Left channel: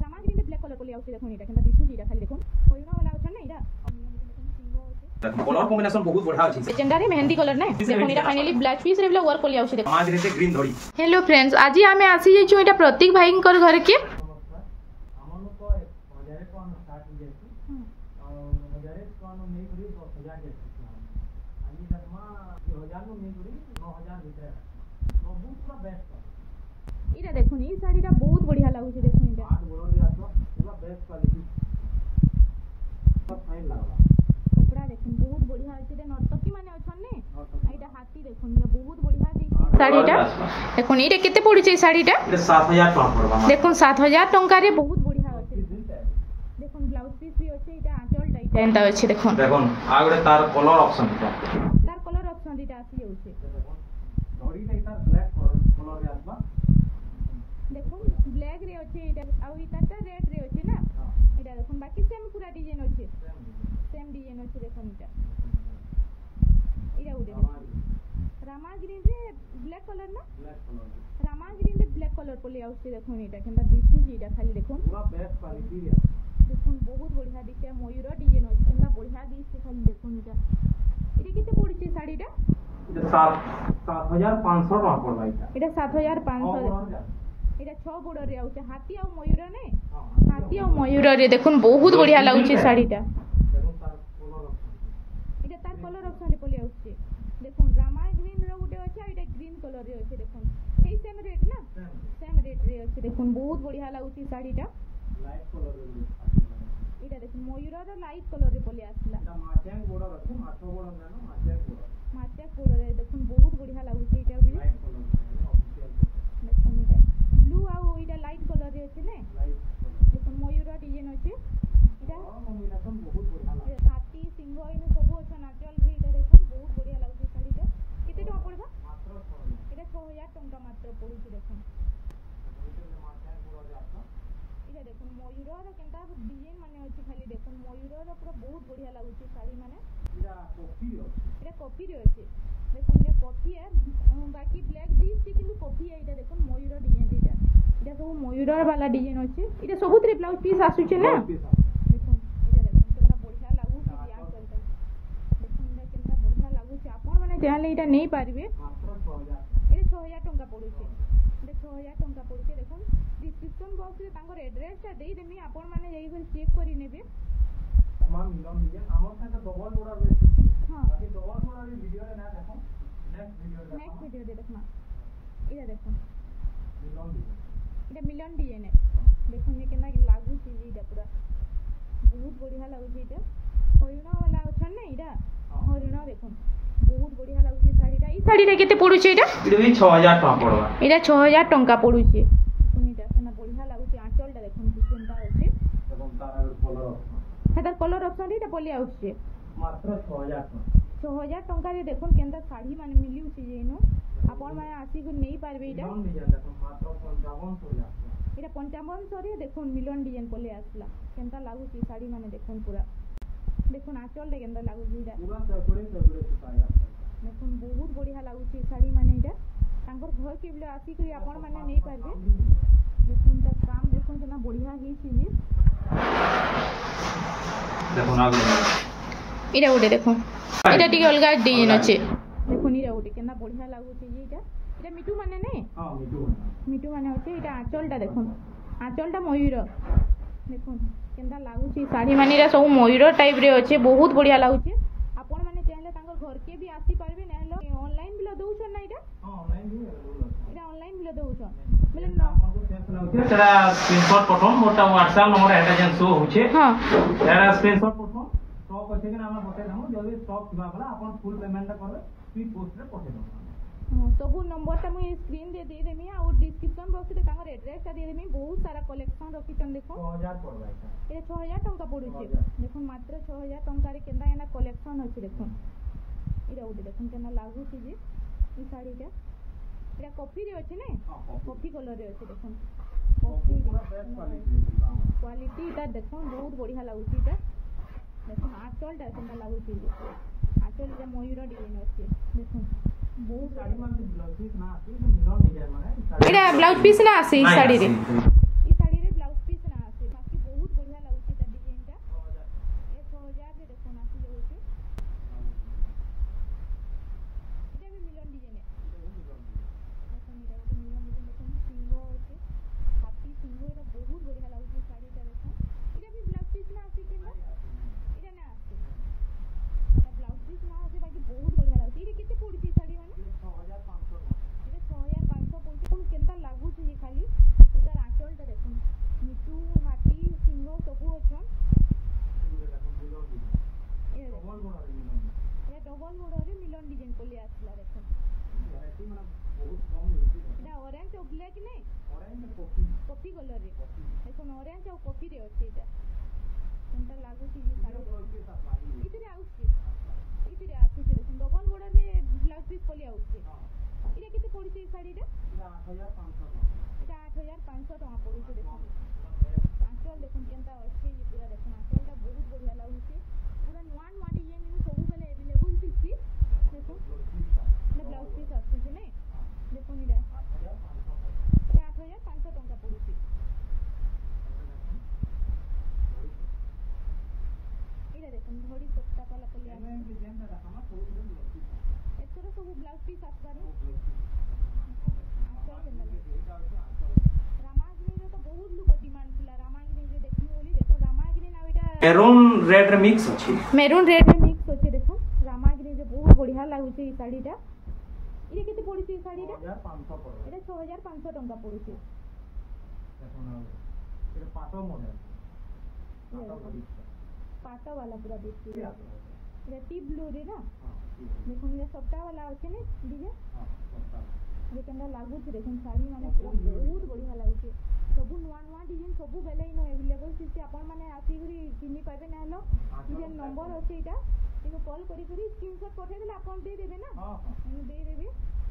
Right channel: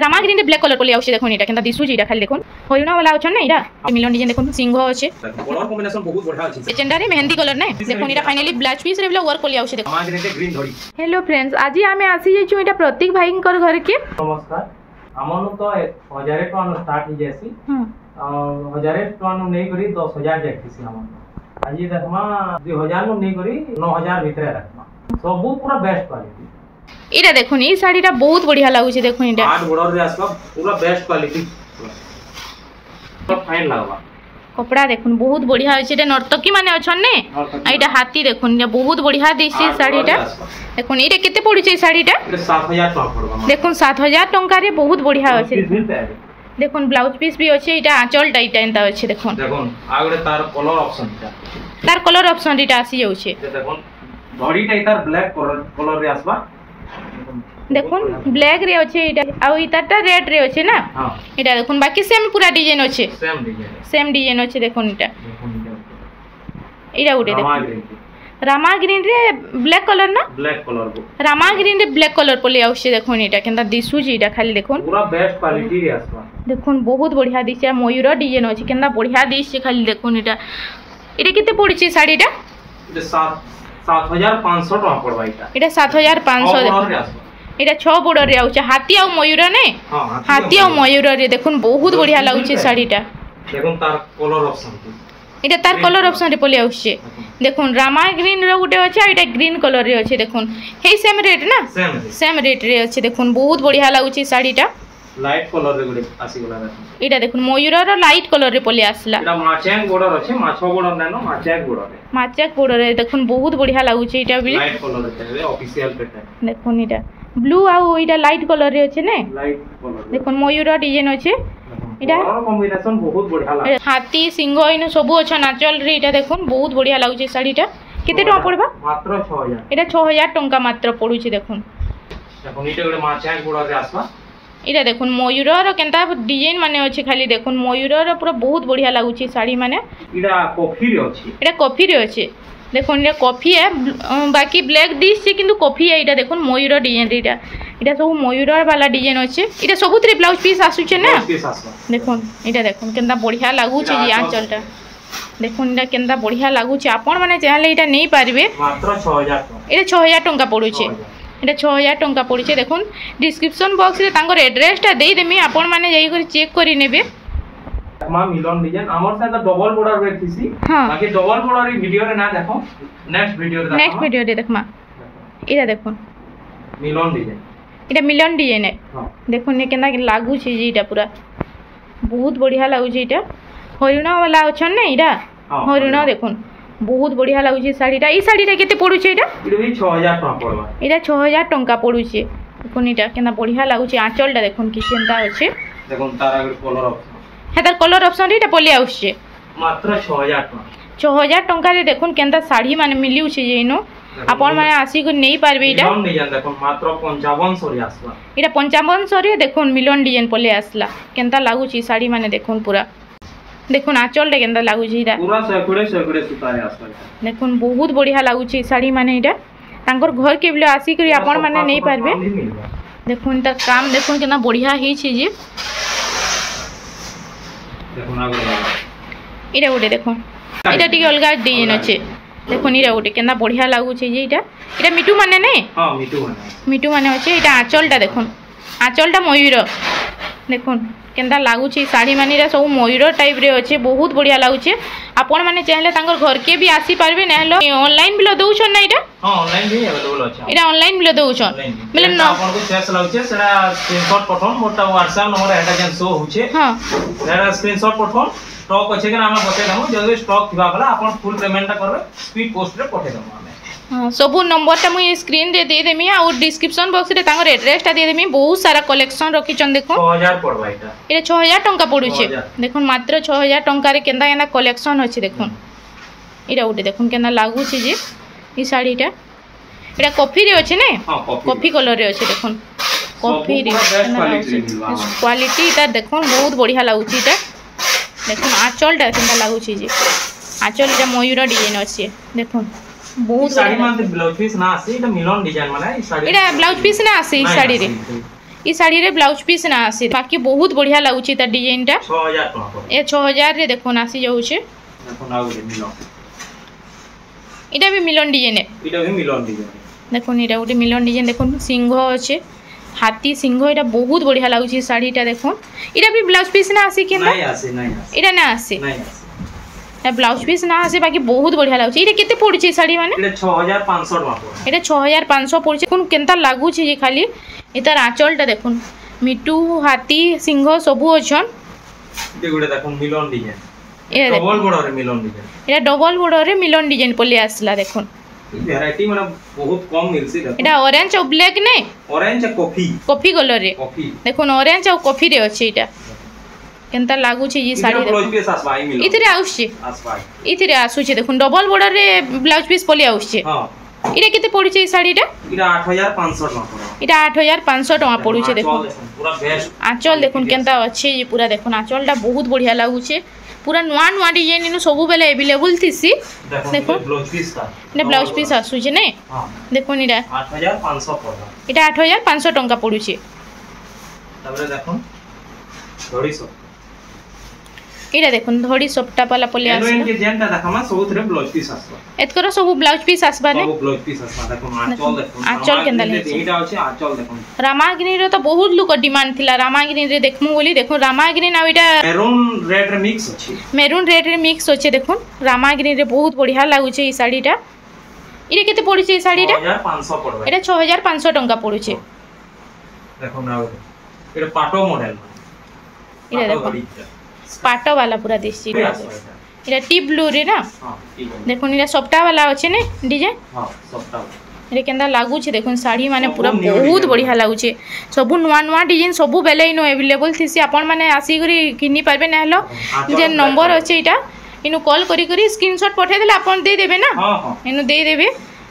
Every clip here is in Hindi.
रामा ग्रीन रे ब्लैक कलर पले आउछे देखुन एटा केनता दिसु जेटा खाली देखुन हरिणा वाला अछन ना एटा मिलन डिजाइन देखुन सिंह अछि कलर कॉम्बिनेशन बहुत बढ़िया अछि एजेंडा रे मेहंदी कलर नै देखुन एटा फाइनली ब्लाउज पीस रे ब्ला वर्क पले आउछे देखुन रामा ग्रीन रे ग्रीन धड़ी। हेलो फ्रेंड्स आज आमे आसी जेछु एटा प्रतीक भाई कर घर के नमस्कार हमन तो 1000 टका नु स्टार्ट हो जैसी 1000 टका नु नै करी 10000 देखसी हमन आज देखमा 2000 नु नै करी 9000 भीतर रखमा सब पूरा बेस्ट क्वालिटी एटा देखुन ई साड़ीटा बहुत बढ़िया लागु छे देखुन एटा आठ बॉर्डर रे आसबा पूरा बेस्ट क्वालिटी तो फाइन लागबा कपड़ा देखुन बहुत बढ़िया अछि एटा नर्तकी माने अछन ने एटा हाथी देखुन बहुत बढ़िया दिसि साड़ीटा देखुन एटा केते पड़ी छे साड़ीटा 7000 टका पड़बा देखुन 7000 टंका रे बहुत बढ़िया अछि देखुन ब्लाउज पीस भी अछि एटा आंचल टाइटा एंता अछि देखुन आगरे तार कलर ऑप्शन तार कलर ऑप्शन एटा आसी जाउ छे देखुन बॉडी तार ब्लैक कलर रे आसबा देखुन ब्लैक रे अछि एटा आ इताटा रेड रे अछि ना हां एटा देखुन बाकी सेम पूरा डिजाइन अछि सेम डिजाइन अछि देखुन एटा एटा उडे देखुन रामा ग्रीन रे ब्लैक कलर ना ब्लैक कलर रामा ग्रीन रे ब्लैक कलर पले आउछे देखुन एटा केनता दिसु जी एटा खाली देखुन पूरा बेस्ट क्वालिटी रे आसबा देखुन बहुत बढ़िया दिसे मयूर डिजाइन अछि केनता बढ़िया दिसे खाली देखुन एटा केते पड़ी छे साड़ीटा एटा 7500 टका पड़बा एटा 7500 एटा 6 बॉर्डर रे आउछ हाथी आ मयूर ने हां हाथी आ मयूर रे देखुन बहुत बढ़िया लागुछ साड़ीटा देखुन तार कलर ऑप्शन एटा तार कलर ऑप्शन रे पले आउछ देखुन रामा ग्रीन रे गुटे अछि एटा ग्रीन कलर रे अछि देखुन हे सेम रेट ना सेम रेट रे अछि देखुन बहुत बढ़िया लागुछ साड़ीटा लाइट कलर रे गुटे आसी गला एटा देखुन मयूर रो लाइट कलर रे पले आसला एटा माचेक बॉर्डर अछि माछो बॉर्डर नै न माचेक बॉर्डर रे देखुन बहुत बढ़िया लागुछ एटा भी लाइट कलर रे ऑफिशियल पैटर्न देखुन एटा ब्लू आ एटा लाइट कलर रे अछि ने लाइट कलर देखुन मयूर डिजाइन अछि एटा कलर कॉम्बिनेशन बहुत बढ़िया लागे हाथी सिंह इन सब अच्छा नाचल रे एटा देखुन बहुत बढ़िया लागुछ साड़ीटा केते टका पड़बा मात्र 6000 एटा 6000 टंका मात्र पडुछि देखुन इटे गोटे माछाक बॉर्डर रे आसबा एटा देखुन मयूर रो केनता डिजाइन माने अछि खाली देखुन मयूर रो पूरा बहुत बढ़िया लागुछि साड़ी माने एटा कॉफी रे अछि एटा कॉफी रे अछि देखुन ये कॉफी है बाकी ब्लैक डिश छै किंतु कॉफी है एटा देखुन मयूर डिजाइन एटा एटा सब मयूर वाला डिजाइन अछि एटा सबुतरे ब्लाउज पीस आसु छै ना देखुन एटा देखुन केनता बढ़िया लागु छै ये आंचलटा देखुन एटा केनता बढ़िया लागु छै आपण माने चाहले एटा नै पारबे मात्र 6000 टका एटा 6000 टंका पडु छै एटा 6000 टंका पडु छै देखुन डिस्क्रिप्शन बॉक्स रे तांगर एड्रेस ता देई देमी आपण माने जाई कर चेक करि नेबे मा मिलन डिजाइन हमर से डबल बॉर्डर रे थीसी बाकी डबल बॉर्डर रे वीडियो रे ना देखो नेक्स्ट वीडियो रे देखमा एटा देखुन मिलन डिजाइन एटा मिलन डिजाइन है देखुन ने केना लागु छै एटा पूरा बहुत बढ़िया लागु छै एटा हरिणा वाला अछन ने एटा हरिणा देखुन बहुत बढ़िया लागु छै साड़ीटा ई साड़ीटा केते पडु छै एटा भी 6000 टका पड़बा एटा 6000 टंका पडु छै देखुन एटा केना बढ़िया लागु छै आंचलटा देखुन कि सेंता अछि देखुन तार आगे colour option Heather colour option एटा पले आउछ मात्र 6000 टका 6000 टंका रे देखुन केनता साड़ी माने मिलिउ छै जेनो आपण माने आसी को नै पारबे एटा मिलन डिजाइन देखुन मात्र 5500 रे आसबा एटा 5500 रे देखुन मिलन डिजाइन पले आसला केनता लागु छै साड़ी माने देखुन पूरा देखुन आंचल रे केनता लागु छै एटा पूरा 100 सुता रे आसबा देखुन बहुत बढ़िया लागु छै साड़ी माने एटा तांकर घर के बिले आसी करी आपण माने नै पारबे देखुन त काम देखुन केना बढ़िया ही छै जे देखुन आगे एटा उडे देखुन एटा टिके अलगा डिजाइन अछि देखुन एटा उडे केना बढ़िया लागु छै जे एटा मिटू माने नै हां मिटू माने अछि एटा आंचलटा देखुन आंचलटा मयूर देखुन केनता लागु छै साड़ी माने सब मयूर टाइप रे अछि बहुत बढ़िया लागु छै आपण माने चाहले तांगर घर के भी आसी पारबे नेहलो ऑनलाइन बिलो दउ छ ना एटा हां ऑनलाइन भी अवेलेबल अछि एटा ऑनलाइन बिलो दउ छ मतलब न आपण को चेक लागु छै सेरा स्क्रीनशॉट पठोन मोटा WhatsApp नंबर एटा जन शो हो छै हां सेरा स्क्रीनशॉट पठोन स्टॉक अछि के हम बते दमु जल्दी स्टॉक थिबा बला आपण फुल पेमेंट करबे स्पीड पोस्ट रे पठे दमु हमें हां सबु नंबर ता मुई स्क्रीन रे दे देमी और डिस्क्रिप्शन बॉक्स रे तांगर एड्रेस ता दे देमी बहुत सारा कलेक्शन रखी छन देखो 6000 पड़बा एटा 6000 टंका पडु छै देखुन मात्र 6000 टंका रे केनता केना कलेक्शन अछि देखुन एटा उठे देखुन केना लागु छै जे ई साड़ीटा एटा कॉफी रे अछि ने कॉफी कलर रे अछि देखुन कॉफी रे क्वालिटी ता देखुन बहुत बढ़िया लागु छै एटा देखुन आंचलटा केनता लागु छै जे आंचलटा मयूर डिजाइन अछि देखुन बहुत साड़ी मान ब्लाउज पीस ना आसी एटा मिलन डिजाइन माने साड़ी एटा ब्लाउज पीस ना आसी साड़ी रे ई साड़ी रे ब्लाउज पीस ना आसी बाकी बहुत बढ़िया लागुची ता डिजाइन टा 6000 टका ए 6000 रे देखो आसी जाउछे देखो ना गोटे मिलन इटा भी मिलन डिजाइन है इटा भी मिलन डिजाइन देखो इटा गोटे मिलन डिजाइन देखो सिंह अच्छे हाथी सिंह इटा बहुत बढ़िया लागुची साड़ीटा देखो इटा भी ब्लाउज पीस ना आसी केना नहीं आसी इटा ना आसी नहीं आसी ए ब्लाउज पीस ना आसे बाकी बहुत बढ़िया लागुची इटा केते पड़ुची साड़ी माने इटा 6500 टका इटा 6500 पड़ुची कोन केनता लागुची जे खाली इतार आंचलटा देखुन मिटू हाथी सिंह सबु अछन ये गुडे देखो मिलन डिजाइन ए डबल बॉर्डर रे मिलन डिजाइन इटा डबल बॉर्डर रे मिलन डिजाइन पले आसला देखुन वैरायटी माने बहुत कम मिलसी देखो इटा ऑरेंज और ब्लैक ने ऑरेंज कॉफी कॉफी कलर रे कॉफी देखुन ऑरेंज और कॉफी रे अछि इटा केनता लागुची जी साड़ी ब्लाउज पीस आसबाई मिलन इतरे आउछि आसबाई इतरे आसुछि देखुन डबल बॉर्डर रे ब्लाउज पीस पले आउछि हां इटा केते पड़ुछि साड़ीटा इटा 8500 टका इटा 8500 टका पड़ुछि देखुन पूरा बेस्ट आंचल देखुन केनता अछि ये पूरा देखुन आंचलटा बहुत बढ़िया लागुछि पूरा नुआ नुआ डिजाइन इनु सब बेले अवेलेबल थिसी देखो ब्लाउज पीस का ने ब्लाउज पीस आसुछि ने हां देखुन इटा 8500 पड़ला इटा 8500 टका पड़ुछि तबरे देखो थोड़ी सो इटा देखुन धड़ी सपटा पाला पले आस एलोइन के जेनटा देखमा सबुथरे ब्लाउज पीस आसबा एतकर सब ब्लाउज पीस आसबा ने सब ब्लाउज पीस आसबा देखो आंचल देखो आंचल केनदा ले एटा अछि आंचल देखो रामागिनी रो तो बहुत लोक डिमांड थिला रामागिनी रे देखमु बोली देखो रामागिनी ना इटा मेरून रेड रे मिक्स अछि मेरून रेड रे मिक्स होचे देखो रामागिनी रे बहुत बढ़िया लागुचे ई साड़ीटा इरे केते पड़ुचे ई साड़ीटा 6500 पड़बा एटा 6500 टका पड़ुचे देखो ना एटा पाटो मॉडल इरे देखो पाटो वाला पूरा देसी इटा टी ब्लू रे ना हां ठीक है देखो इरा सपटा वाला होचे ने डिजाइन हां सपटा इरे केंदा लागुचे देखो साड़ी माने पूरा बहुत बढ़िया लागुचे सब नुआ नुआ डिजाइन सब बेले इनो अवेलेबल थिसी आपण माने आसी करी किनी पारबे ना हलो जे नंबर अछि इटा इनु कॉल करी करी स्क्रीनशॉट पठे देले आपण दे देबे ना हां हां इनु दे देबे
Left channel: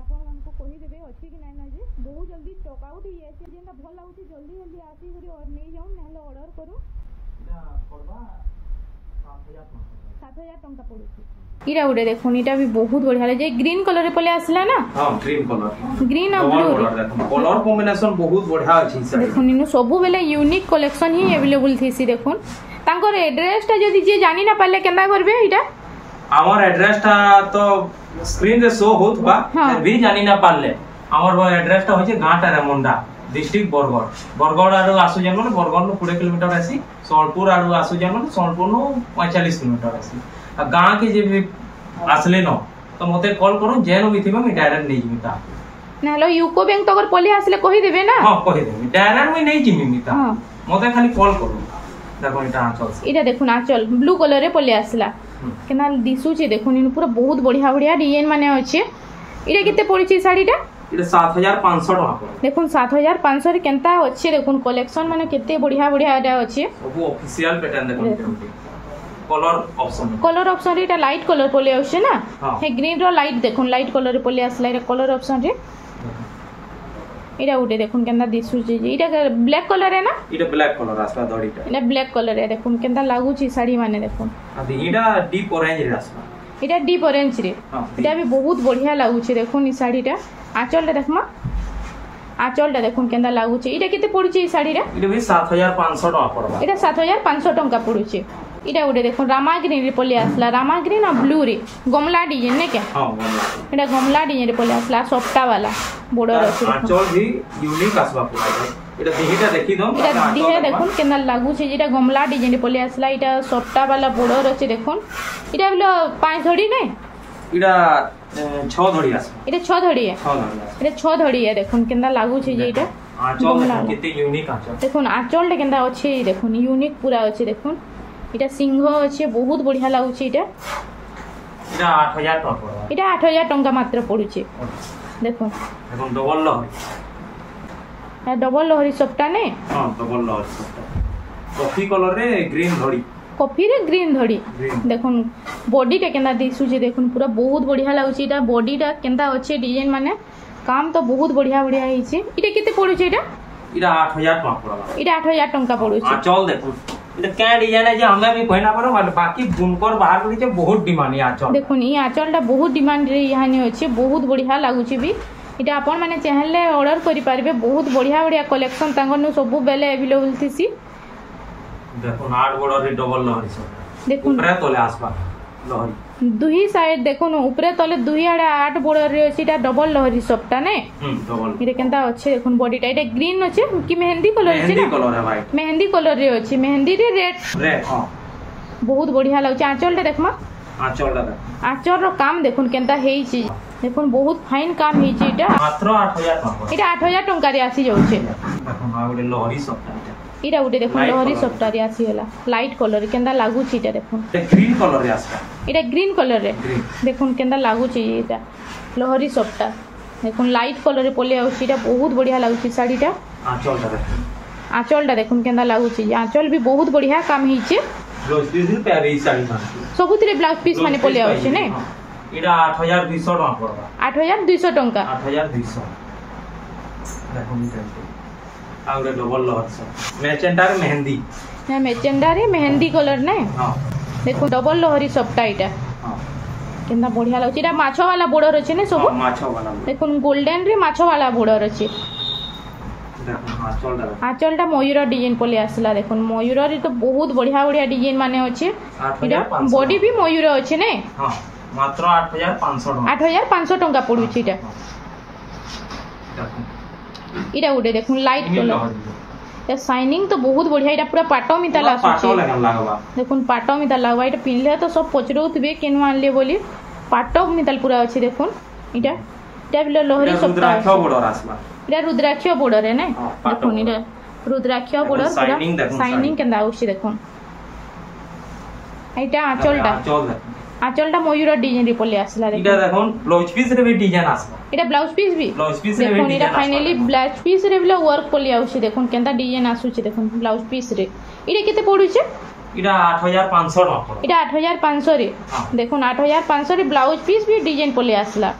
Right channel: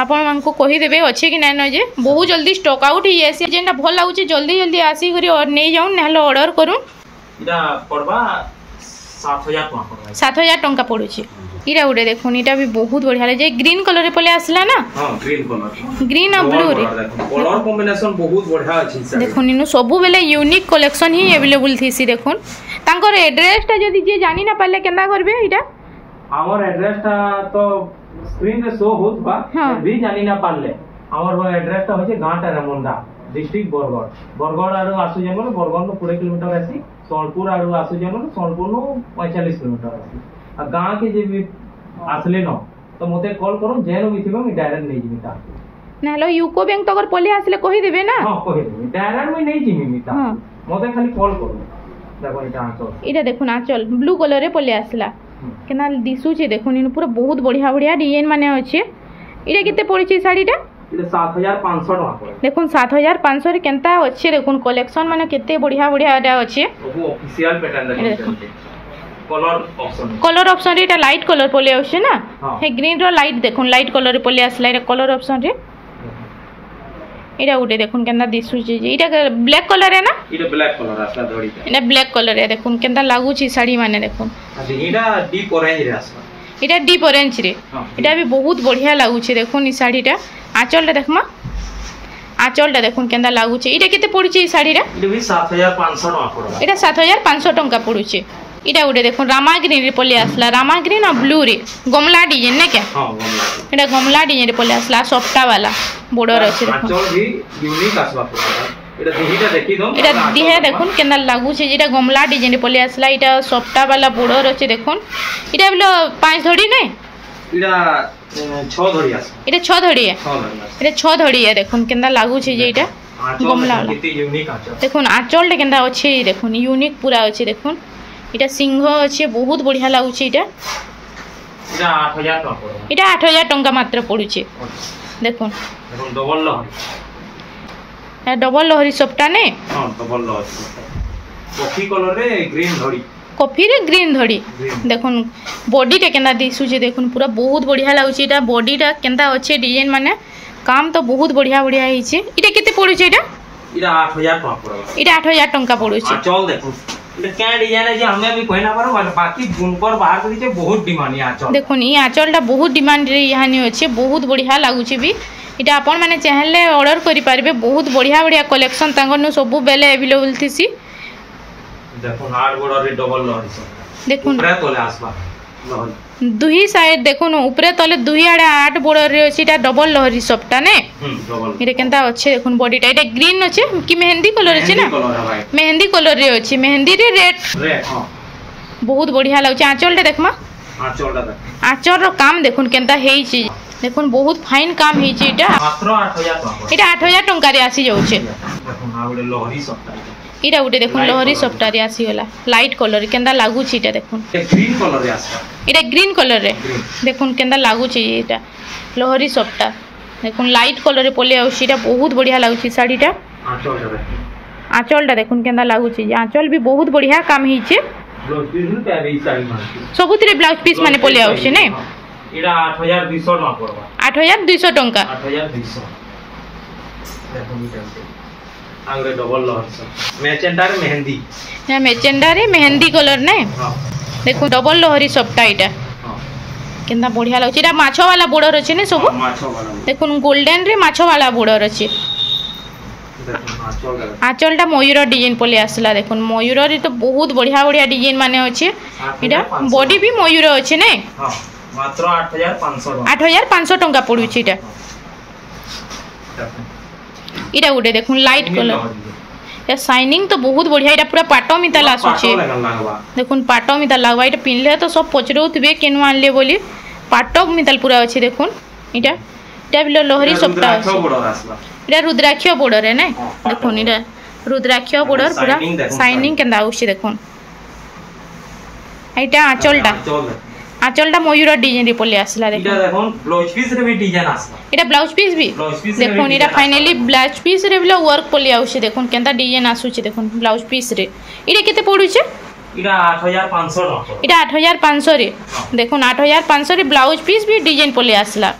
आपण मानको कहि देबे अछि कि नै न जे बहुत जल्दी स्टॉक आउट ही आसी जेंटा भल लागुचे जल्दी जल्दी आसी करी और नै जाउन ना हलो ऑर्डर करू इटा पड़बा 7000 टका पड़बा 7000 टका पड़ुची इरा उडे देखुन इटा भी बहुत बढ़िया जे ग्रीन कलर रे पले आसला ना हां ग्रीन कलर ग्रीन और ब्लू रे कलर कॉम्बिनेशन बहुत बढ़िया अछि सर देखुन इनु सब बेले यूनिक कलेक्शन ही अवेलेबल थीसी देखुन तांकर एड्रेस ता जदी जे जानि ना पाले केना करबे इटा हमर एड्रेस ता तो स्क्रीन रे शो होत बा भी जानि ना पाले हमर वो एड्रेस ता होचे गांटा रेमुंडा डिस्ट्रिक्ट बरगड़ आरो आसु जेमन बरगड़ नो 20 किलोमीटर आसी सोलपुर आरो आसु जेमन सोलपुर नो 45 किलोमीटर आसी आ गां के जे भी आसले न तो मते कॉल करू जेनो भी थिबा मी डायरेक्ट नै जिमिता ना लो यूको बैंक तो अगर पले आसले कहि देबे ना हां कहि देबे डायरेक्ट मी नै जिमिता मते खाली कॉल करू देखो इटा आंचल इटा देखुन आंचल ब्लू कलर रे पले आसला केना दिसु छे देखुन इन पूरा बहुत बढ़िया बढ़िया डिजाइन माने अछि इटा केते पड़िछि साड़ीटा इटा 7500 टका पड़े देखुन 7500 रे केनता अछि देखुन कलेक्शन माने केते बढ़िया बढ़िया एटा अछि सब ऑफिशियल पैटर्न देखो कलर ऑप्शन रे एटा लाइट कलर पले आछे ना हे ग्रीन रो लाइट देखुन लाइट कलर रे पले आसला एटा कलर ऑप्शन रे एटा उडे देखुन केनता दिसु छे एटा ब्लैक कलर है ना एटा ब्लैक कलर आसला धड़ीटा एटा ब्लैक कलर है देखुन केनता लागु छी साड़ी माने देखुन एटा डीप ऑरेंज रे आसला एटा डीप ऑरेंज रे एटा भी बहुत बढ़िया लागु छी देखुन ई साड़ीटा आंचल रे देखमा आंचल टा देखुन केनता लागु छी एटा केते पड़ु छी ई साड़ी रे एटा भी 7500 टका पड़बा एटा 7500 टका पड़ु छी इटा उडे देखो रामाग्रीन रे पले आसला रामाग्रीन और ब्लू रे गमला डिजाइन ने क्या हां गमला एटा गमला डिजाइन रे पले आसला सॉफ्टा वाला बॉर्डर अछि देखो आंचल भी यूनिक आसबा पूरा एटा दिहिटा देखि दो एटा दिहे देखुन केना लागु छै जेटा गमला डिजाइन रे पले आसला एटा सॉफ्टा वाला बॉर्डर अछि देखुन एटा बिलो 5 धड़ी नै एटा 6 धड़ी आस एटा 6 धड़ी है 6 धड़ी एटा 6 धड़ी है देखुन केना लागु छै जे एटा गमला किते यूनिक आंचल देखुन आंचल केना अछि देखुन यूनिक पूरा अछि देखुन इटा सिंह अच्छे बहुत बढ़िया लागुचे इटा इटा 8000 टका पड़ो इटा 8000 टका मात्र पड़ुचे देखुन देखुन डबल लहरी सपटा ने हां डबल लहरी कॉफी कलर रे ग्रीन धड़ी कॉफी रे ग्रीन धड़ी देखुन बॉडी टा केना दिसुचे देखुन पूरा बहुत बढ़िया लागुचे इटा बॉडी टा केनता अच्छे डिजाइन माने काम तो बहुत बढ़िया बढ़िया हिचे इटा केते पड़ुचे इटा 8000 टका पड़ो इटा 8000 टका पड़ुचे चल देखुन क्या डिजाइन है जे हमें भी कहना पर बाकी बुनकर बाहर करी जे बहुत डिमांड है आंचल देखुन ई आंचल टा बहुत डिमांड रे यहानी अछि बहुत बढ़िया लागुछि भी इटा आपण माने चाहले ऑर्डर करि पारबे बहुत बढ़िया बढ़िया कलेक्शन तांगनु सब बेले अवेलेबल थिसी देखो 8 बॉर्डर रे डबल लहरी देखो ऊपर तले आसबा लहरी दुही साइड देखो ऊपर तले दुही आड़े 8 बॉर्डर रे अछि इटा डबल लहरी सबटा ने डबल इरे केनता अच्छे देखो बॉडीटा इटा ग्रीन अछि कि मेहंदी कलर अछि ना मेहंदी कलर रे अछि मेहंदी रे रेड हां बहुत बढ़िया लागछ आंचलटा देखमा आंचलटा देख आंचल रो काम देखुन केनता हेई छी देखुन बहुत फाइन काम हेई छी इटा मात्र 8000 टका इटा 8000 टंका रे आसी जाउछे देखो आ गुटे लहरी सबटा इटा गुटे देखुन लहरी सबटा रे आसी गला लाइट कलर केनता लागू छी इटा देखुन ग्रीन कलर रे आसबा इटा ग्रीन कलर रे देखुन केनता लागू छी इटा लहरी सबटा देखुन लाइट कलर रे पले आउछी इटा बहुत बढ़िया लागू छी साड़ीटा आंचलटा देखुन केनता लागू छी आंचल भी बहुत बढ़िया काम हेई छे ब्लाउज पीस रे पेबे साड़ी मानती सबुतरे ब्लाउज पीस माने पले आउछे ने इडा 8200 टका पड़बा 8200 टंका 8200 देखो नी चलते आगरे डबल लहर सब मैचेंडा रे मेहंदी ना मैचेंडा रे मेहंदी कलर ने हां देखो डबल लहरी सबटा इटा हां केनता बढ़िया लागछ इटा माछो वाला बॉर्डर अछि ने सब माछो वाला देखो गोल्डन रे माछो वाला बॉर्डर अछि आंचलटा मयूर डिजाइन पले आसला देखो मयूर रे तो बहुत बढ़िया बढ़िया डिजाइन माने अछि इटा बॉडी भी मयूर अछि ने हां मात्र 8500 टका 8500 टंका पड़ु छी इटा इटा गुटे देखो लाइट कलर या शाइनिंग तो बहुत बढ़िया इटा पूरा पाटो मिता लासु छी देखो पाटो मिता लागबा इटा पिनले तो सब पचरौतबे केनु आनले बोली पाटो मिताल पूरा अछि देखो इटा इटा बिलो लहरी सबटा अछि इटा रुद्राक्ष बॉर्डर है ना देखो इटा रुद्राक्ष बॉर्डर पूरा शाइनिंग केंदा आउछि देखो इटा आंचलटा मयूर डिजाइन रे पले आसला देखो इटा देखो ब्लाउज पीस रे भी डिजाइन आसला इटा ब्लाउज पीस भी देखो इटा फाइनली ब्लाउज पीस रे भी वर्क पले आउछि देखो केंता डिजाइन आसुछि देखो ब्लाउज पीस रे इटा केते पडुछि इटा 8500 टका इटा 8500 रे देखो 8500 रे ब्लाउज पीस भी डिजाइन पले आसला